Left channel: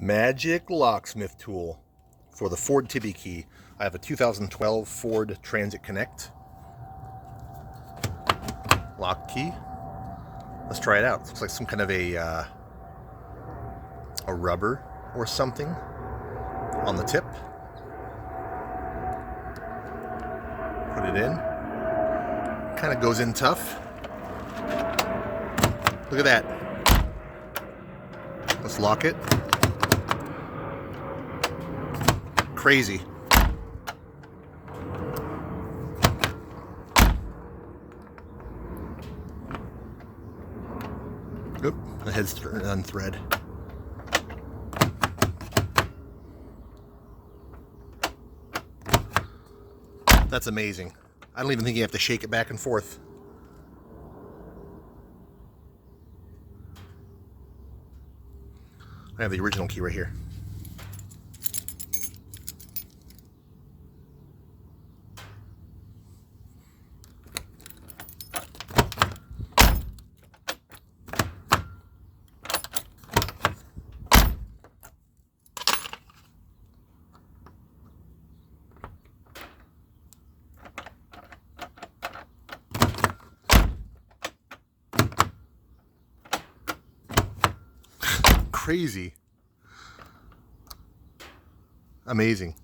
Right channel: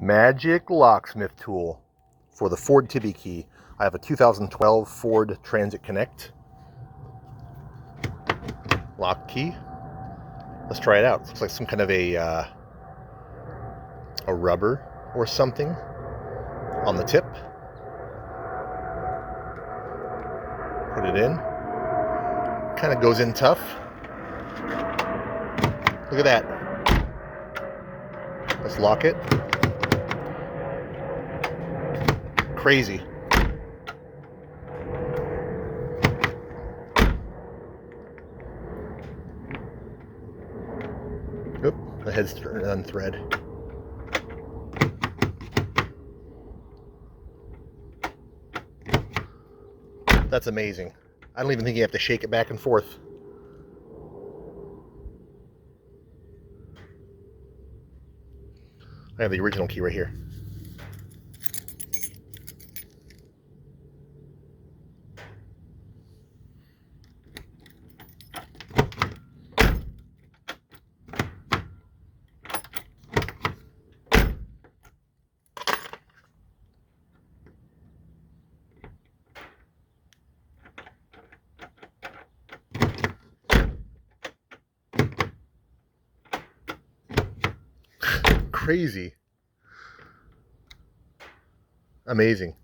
Magic locksmith tool for the Ford Tibbe key. I have a 2012 Ford Transit Connect lock key. Let's try it out. It looks like some kind of a rubber or something on the tip. Put it in. Kind of goes in tough. Look at that. Let's lock it. Crazy. Oop, the head's unthread. That's amazing. I don't even think you have to shake it back and forth. I have the original key right here. Crazy. Amazing.